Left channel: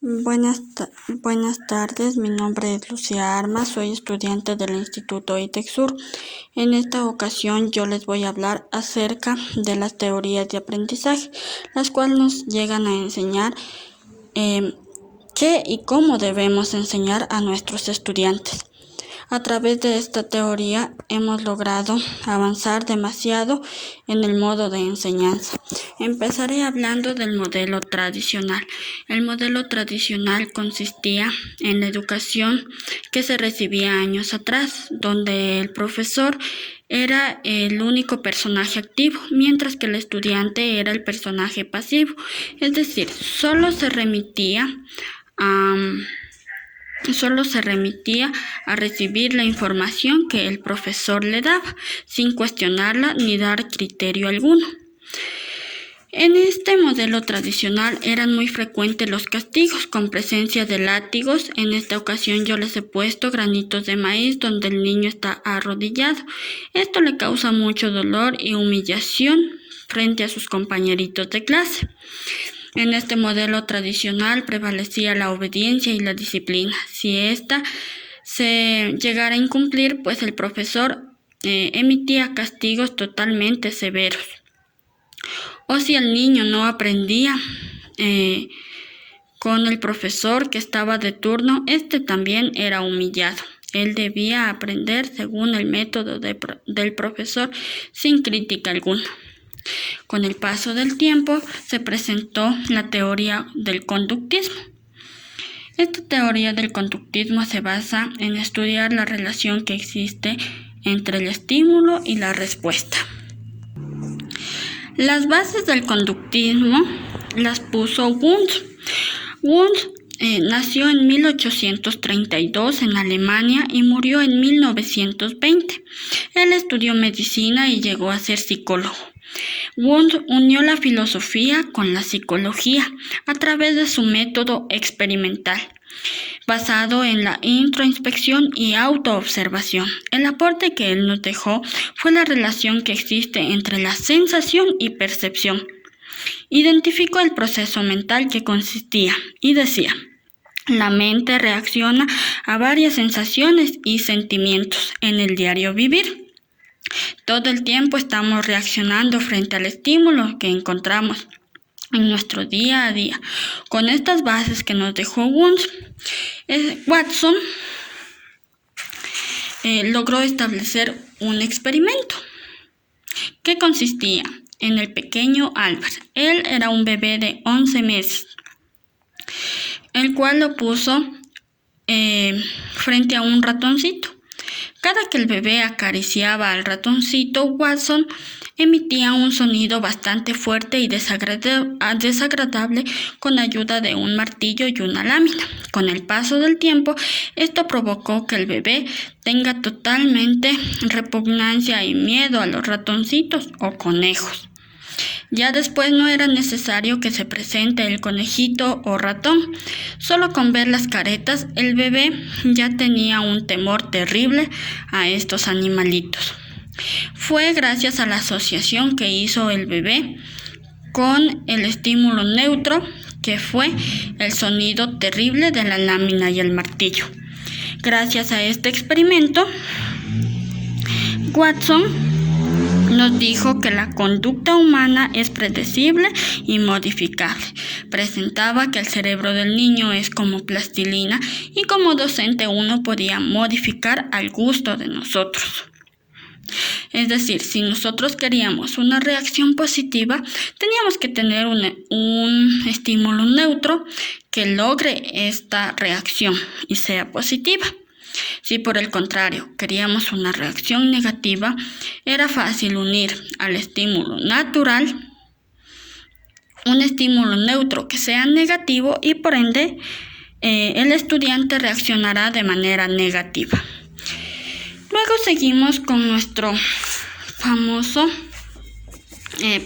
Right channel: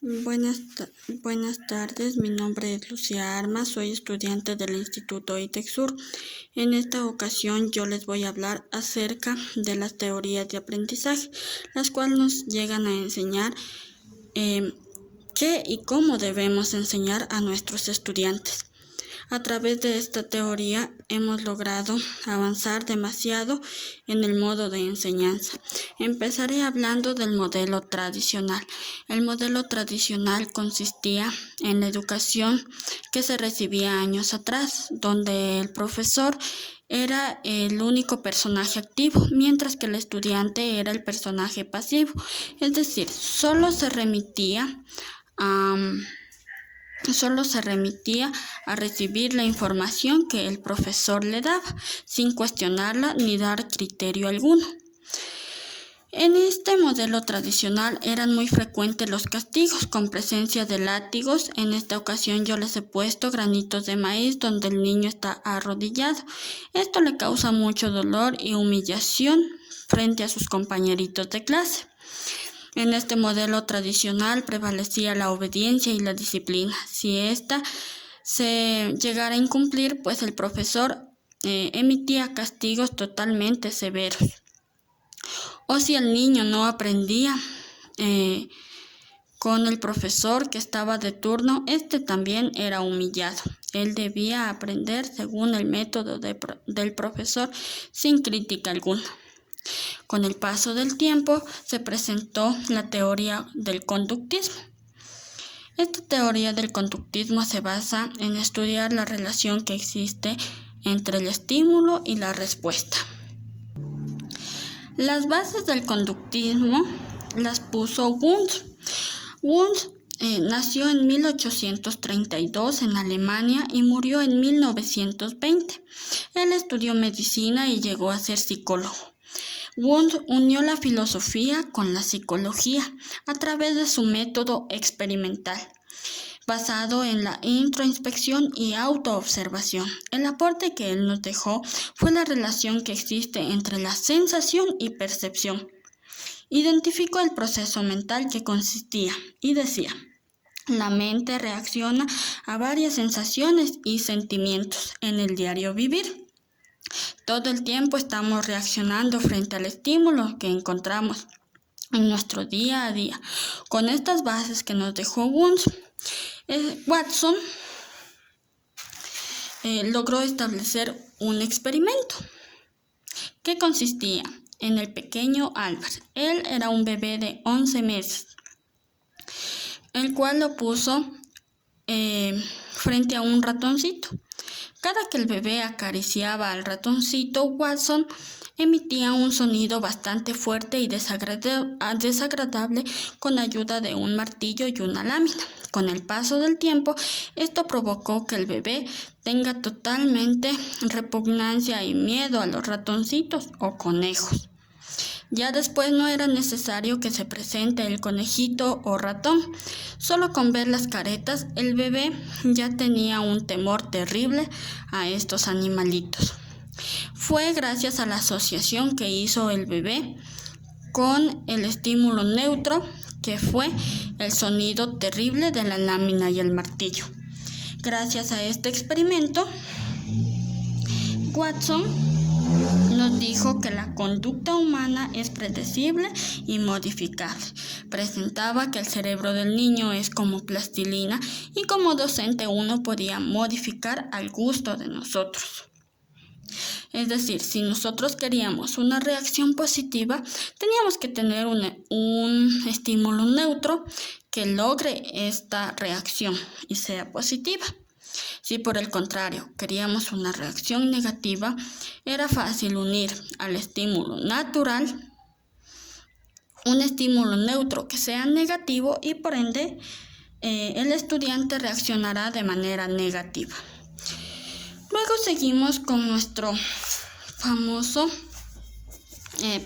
Buenas tardes, mi nombre es Lucía Armas, soy estudiante del Instituto ITEXUR. En esta ocasión yo les voy a hablar acerca de las teorías de aprendizaje, las cuales nos llegan a enseñar qué y cómo debemos enseñar a nuestros estudiantes. A través de esta teoría hemos logrado avanzar demasiado en el modo de enseñanza. Empezaré hablando del modelo tradicional. El modelo tradicional consistía en la educación que se recibía años atrás, donde el profesor era el único personaje activo, mientras que el estudiante era el personaje pasivo. Es decir, solo se remitía a recibir la información que el profesor le daba, sin cuestionarla ni dar criterio alguno. En este modelo tradicional eran muy frecuentes los castigos con presencia de látigos. En esta ocasión yo les he puesto granitos de maíz donde el niño está arrodillado. Esto le causa mucho dolor y humillación frente a sus compañeritos de clase. En este modelo tradicional prevalecía la obediencia y la disciplina. Si ésta se llegara a incumplir, pues el profesor emitía castigos totalmente severos. O si el niño no aprendía con el profesor que estaba de turno, este también era humillado. Él debía aprender según el método del profesor sin crítica alguna. Con el paso del tiempo se presentó la teoría del conductismo. Esta teoría del conductismo se basa en estudiar la relación que existe entre el estímulo y la respuesta. Las bases del conductismo las puso Wundt. Wundt nació en 1832 en Alemania y murió en 1920. Él estudió medicina y llegó a ser psicólogo. Wundt unió la filosofía con la psicología a través de su método experimental, basado en la introspección y autoobservación. El aporte que él nos dejó fue la relación que existe entre la sensación y percepción. Identificó el proceso mental que consistía y decía: la mente reacciona a varias sensaciones y sentimientos en el diario vivir. Todo el tiempo estamos reaccionando frente al estímulo que encontramos en nuestro día a día. Con estas bases que nos dejó Wundt, Watson logró establecer un experimento que consistía en el pequeño Albert. Él era un bebé de 11 meses, el cual lo puso frente a un ratoncito. Cada que el bebé acariciaba al ratoncito, Watson emitía un sonido bastante fuerte y desagradable con ayuda de un martillo y una lámina. Con el paso del tiempo, esto provocó que el bebé tenga totalmente repugnancia y miedo a los ratoncitos o conejos. Ya después no era necesario que se presente el conejito o ratón. Solo con ver las caretas, el bebé ya tenía un temor terrible a estos animalitos. Fue gracias a la asociación que hizo el bebé con el estímulo neutro, que fue el sonido terrible de la lámina y el martillo. Gracias a este experimento, Watson nos dijo que la conducta humana es predecible y modificable. Presentaba que el cerebro del niño es como plastilina y como docente uno podía modificar al gusto de nosotros. Es decir, si nosotros queríamos una reacción positiva, teníamos que tener un estímulo neutro que logre esta reacción y sea positiva. Si por el contrario queríamos una reacción negativa, era fácil unir al estímulo natural un estímulo neutro que sea negativo y por ende el estudiante reaccionará de manera negativa. Luego seguimos con nuestro famoso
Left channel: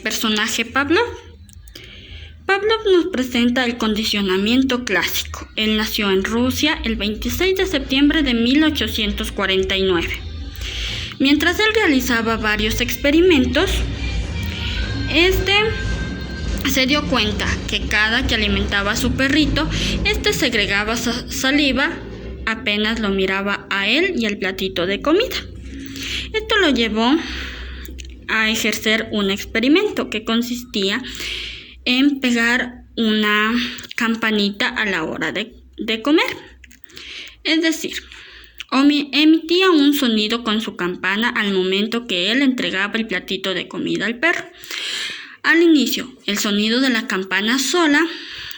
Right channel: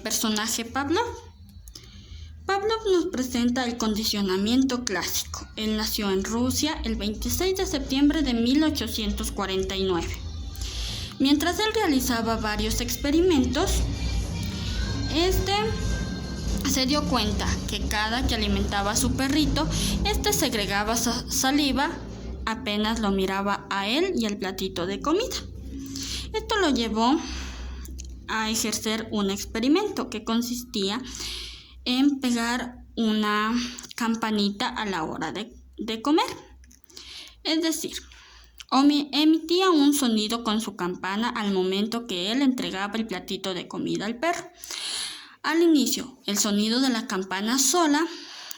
personaje Pavlov. Pavlov nos presenta el condicionamiento clásico. Él nació en Rusia el 26 de septiembre de 1849. Mientras él realizaba varios experimentos, se dio cuenta que cada que alimentaba a su perrito, este segregaba saliva apenas lo miraba a él y el platito de comida. Esto lo llevó a ejercer un experimento que consistía en pegar una campanita a la hora de comer. Es decir, emitía un sonido con su campana al momento que él entregaba el platito de comida al perro. Al inicio, el sonido de la campana sola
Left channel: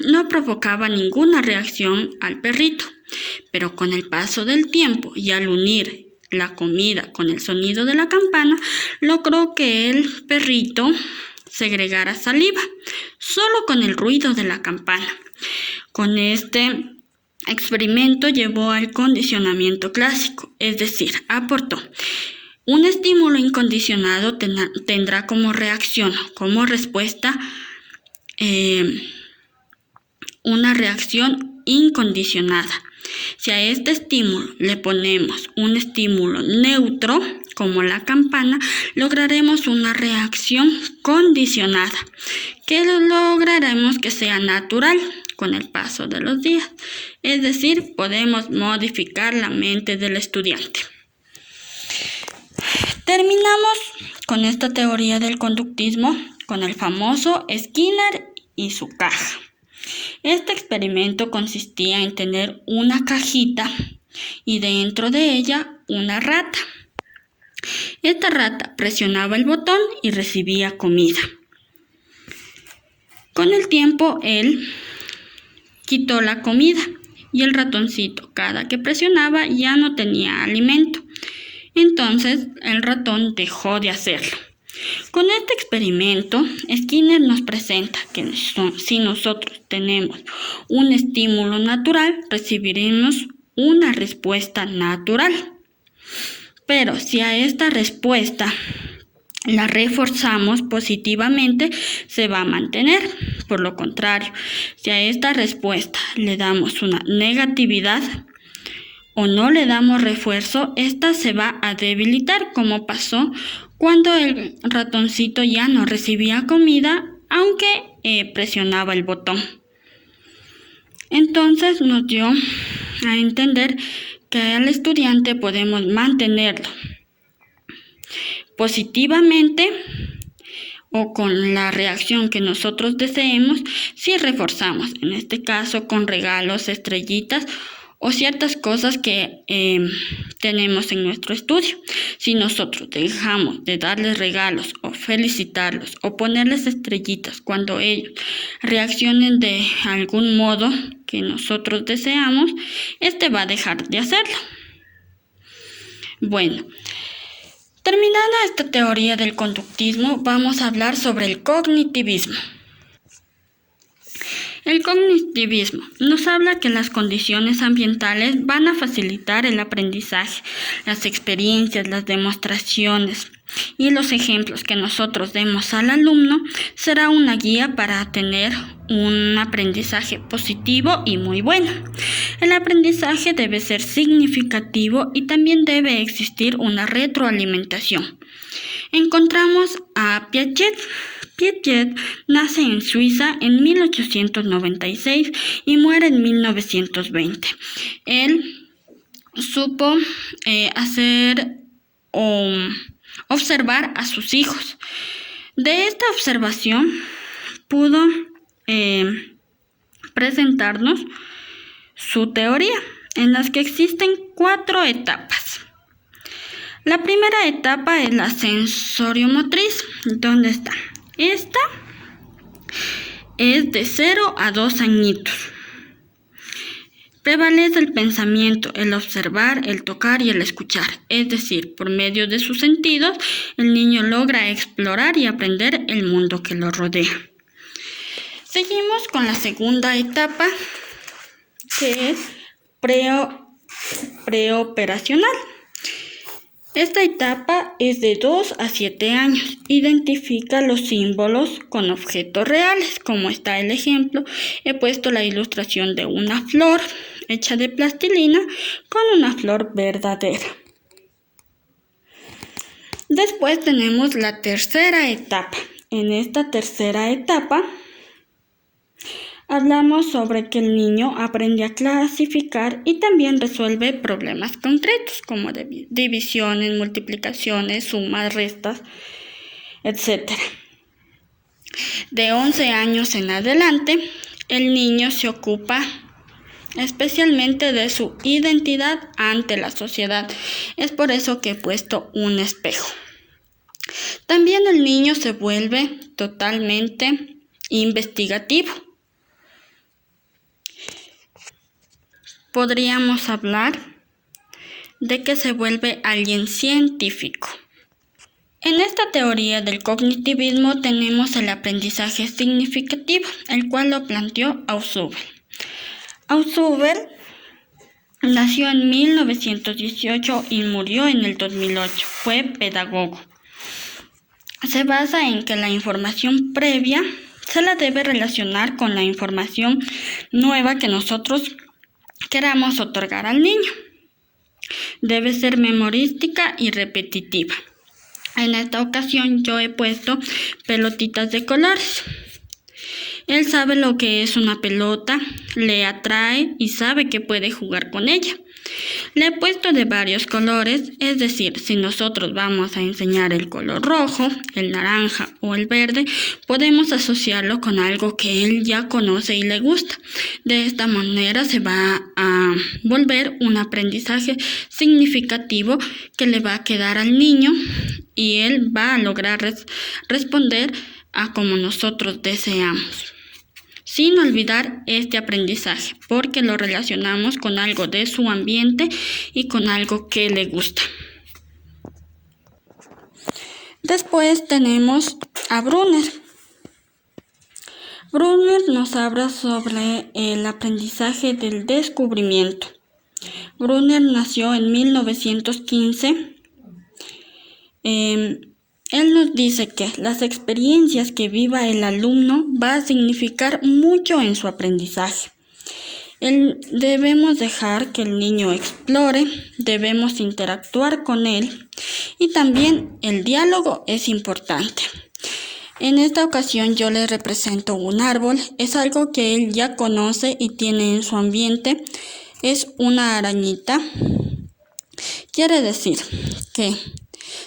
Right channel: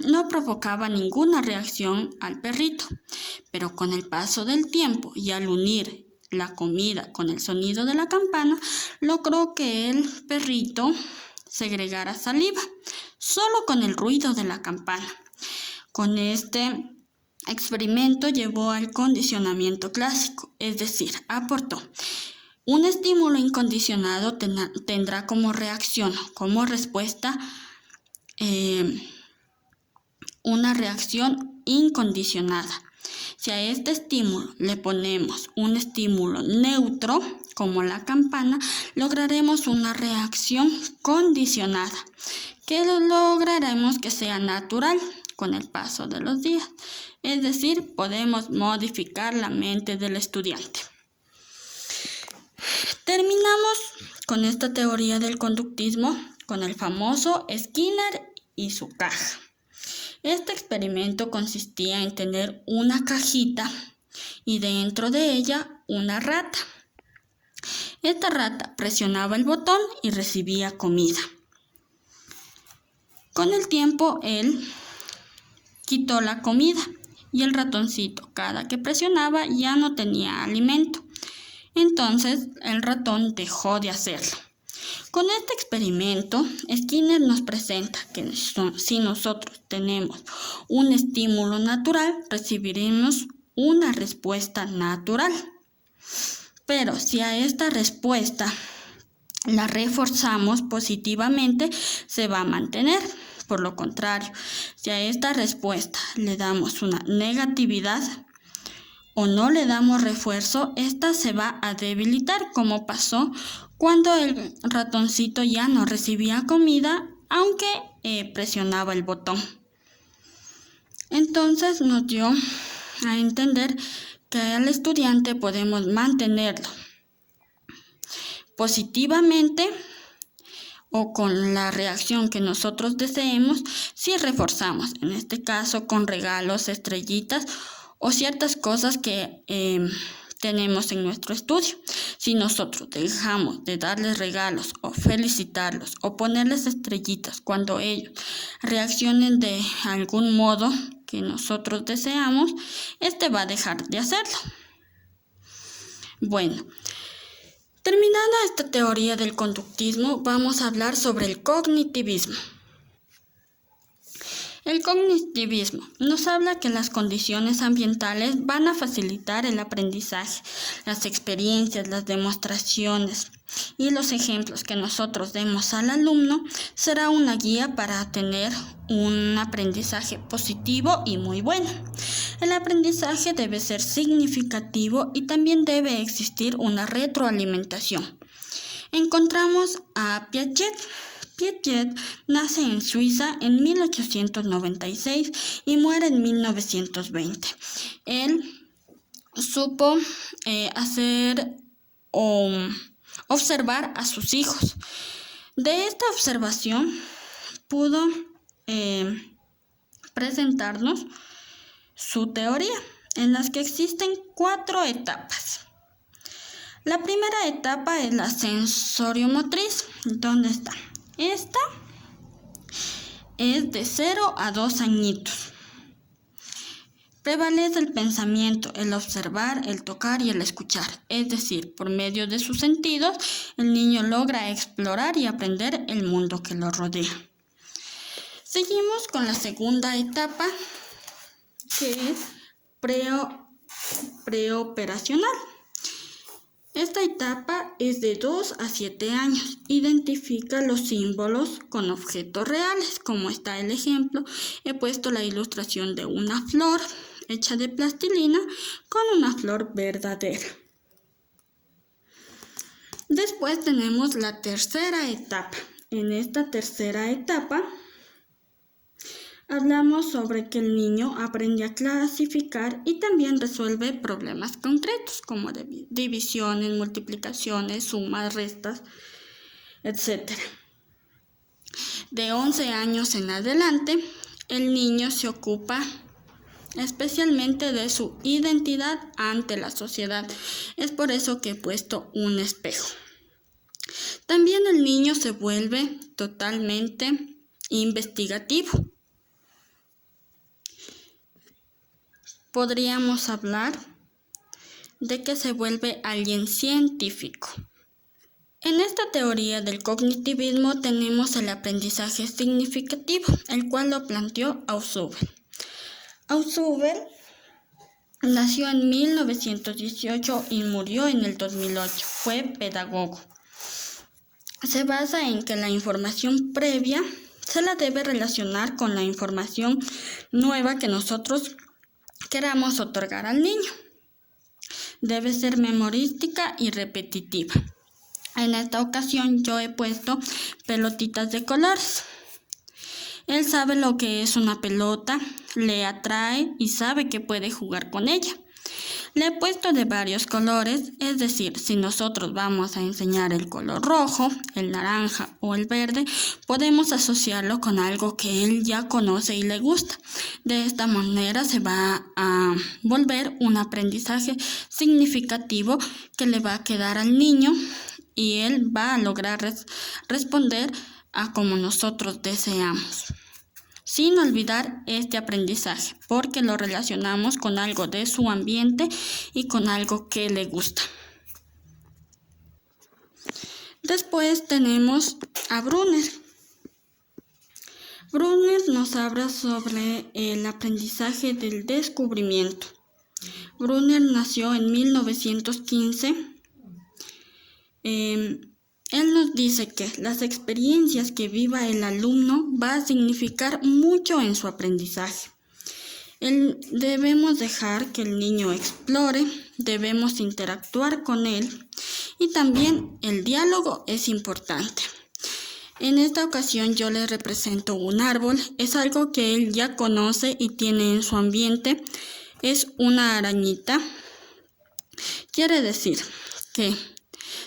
no provocaba ninguna reacción al perrito, pero con el paso del tiempo y al unir la comida con el sonido de la campana, logró que el perrito segregara saliva, solo con el ruido de la campana. Con este experimento llevó al condicionamiento clásico, es decir, aportó un estímulo incondicionado tendrá como reacción, como respuesta, una reacción incondicionada. Si a este estímulo le ponemos un estímulo neutro, como la campana, lograremos una reacción condicionada, que lograremos que sea natural con el paso de los días. Es decir, podemos modificar la mente del estudiante. Terminamos con esta teoría del conductismo con el famoso Skinner y su caja. Este experimento consistía en tener una cajita y dentro de ella una rata. Esta rata presionaba el botón y recibía comida. Con el tiempo él quitó la comida y el ratoncito, cada que presionaba, ya no tenía alimento. Entonces el ratón dejó de hacerlo. Con este experimento, Skinner nos presenta que si nosotros tenemos un estímulo natural, recibiremos una respuesta natural. Pero si a esta respuesta la reforzamos positivamente, se va a mantener. Por lo contrario, si a esta respuesta le damos una negatividad o no le damos refuerzo, esta se va a debilitar, como pasó cuando el ratoncito ya no recibía comida, aunque presionaba el botón. Entonces nos dio a entender que al estudiante podemos mantenerlo positivamente o con la reacción que nosotros deseemos si reforzamos, en este caso con regalos, estrellitas o ciertas cosas que tenemos en nuestro estudio. Si nosotros dejamos de darles regalos o felicitarlos o ponerles estrellitas cuando ellos reaccionen de algún modo que nosotros deseamos, este va a dejar de hacerlo. Bueno, terminada esta teoría del conductismo, vamos a hablar sobre el cognitivismo. El cognitivismo nos habla que las condiciones ambientales van a facilitar el aprendizaje, las experiencias, las demostraciones y los ejemplos que nosotros demos al alumno será una guía para tener un aprendizaje positivo y muy bueno. El aprendizaje debe ser significativo y también debe existir una retroalimentación. Encontramos a Piaget. Piaget nace en Suiza en 1896 y muere en 1920. Él supo observar a sus hijos. De esta observación pudo presentarnos su teoría, en las que existen 4 etapas. La primera etapa es la sensoriomotriz. ¿Dónde está? Esta es de 0 a 2 añitos. Prevalece el pensamiento, el observar, el tocar y el escuchar. Es decir, por medio de sus sentidos, el niño logra explorar y aprender el mundo que lo rodea. Seguimos con la segunda etapa, que es preoperacional. Esta etapa es de 2 a 7 años. Identifica los símbolos con objetos reales, como está el ejemplo. He puesto la ilustración de una flor hecha de plastilina con una flor verdadera. Después tenemos la tercera etapa. En esta tercera etapa Hablamos sobre que el niño aprende a clasificar y también resuelve problemas concretos como divisiones, multiplicaciones, sumas, restas, etc. De 11 años en adelante, el niño se ocupa especialmente de su identidad ante la sociedad. Es por eso que he puesto un espejo. También el niño se vuelve totalmente investigativo. Podríamos hablar de que se vuelve alguien científico. En esta teoría del cognitivismo tenemos el aprendizaje significativo, el cual lo planteó Ausubel. Ausubel nació en 1918 y murió en el 2008. Fue pedagogo. Se basa en que la información previa se la debe relacionar con la información nueva que nosotros queramos otorgar al niño. Debe ser memorística y repetitiva. En esta ocasión yo he puesto pelotitas de colores. Él sabe lo que es una pelota, le atrae y sabe que puede jugar con ella. Le he puesto de varios colores, es decir, si nosotros vamos a enseñar el color rojo, el naranja o el verde, podemos asociarlo con algo que él ya conoce y le gusta. De esta manera se va a volver un aprendizaje significativo que le va a quedar al niño y él va a lograr responder a como nosotros deseamos. Sin olvidar este aprendizaje, porque lo relacionamos con algo de su ambiente y con algo que le gusta. Después tenemos a Brunner. Brunner nos habla sobre el aprendizaje del descubrimiento. Brunner nació en 1915. Él nos dice que las experiencias que viva el alumno va a significar mucho en su aprendizaje. Debemos dejar que el niño explore, debemos interactuar con él y también el diálogo es importante. En esta ocasión yo le represento un árbol, es algo que él ya conoce y tiene en su ambiente, es una arañita. Quiere decir que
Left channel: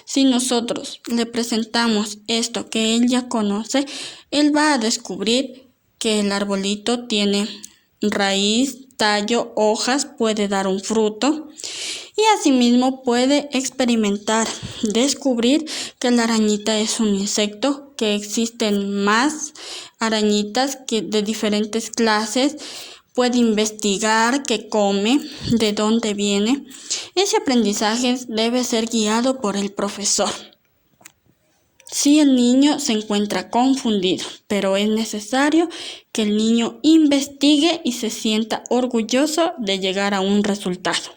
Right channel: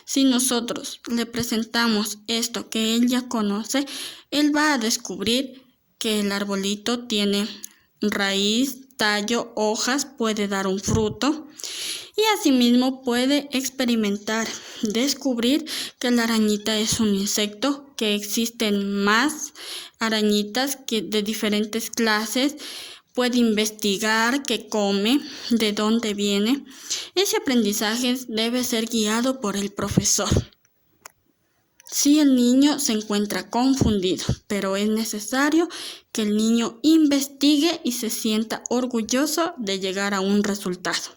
si nosotros le presentamos esto que él ya conoce, él va a descubrir que el arbolito tiene raíz, tallo, hojas, puede dar un fruto y asimismo puede experimentar, descubrir que la arañita es un insecto, que existen más arañitas de diferentes clases. Puede investigar qué come, de dónde viene. Ese aprendizaje debe ser guiado por el profesor. Si el niño se encuentra confundido, pero es necesario que el niño investigue y se sienta orgulloso de llegar a un resultado.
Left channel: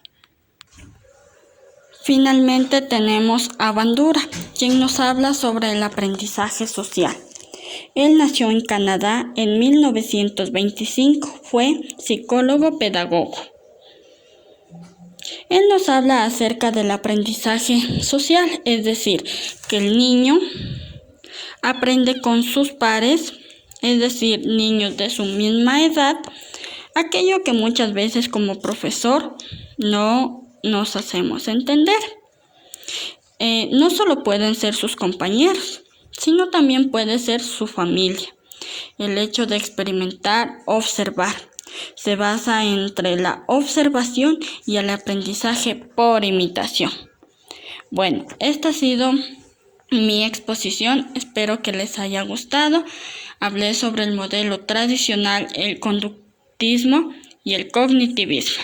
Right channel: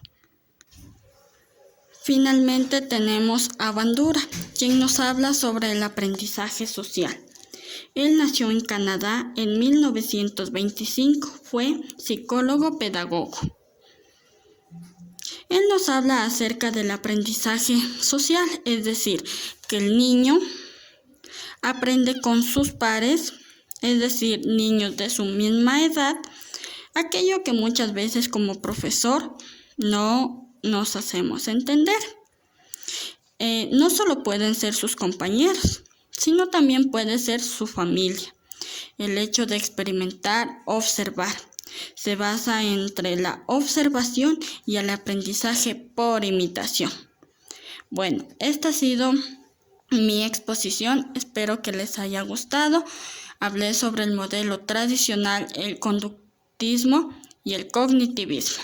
Finalmente tenemos a Bandura, quien nos habla sobre el aprendizaje social. Él nació en Canadá en 1925, fue psicólogo pedagogo. Él nos habla acerca del aprendizaje social, es decir, que el niño aprende con sus pares, es decir, niños de su misma edad, aquello que muchas veces como profesor no nos hacemos entender. No solo pueden ser sus compañeros, sino también puede ser su familia. El hecho de experimentar, observar, se basa entre la observación y el aprendizaje por imitación. Bueno, esta ha sido mi exposición, espero que les haya gustado. Hablé sobre el modelo tradicional, el conductismo y el cognitivismo.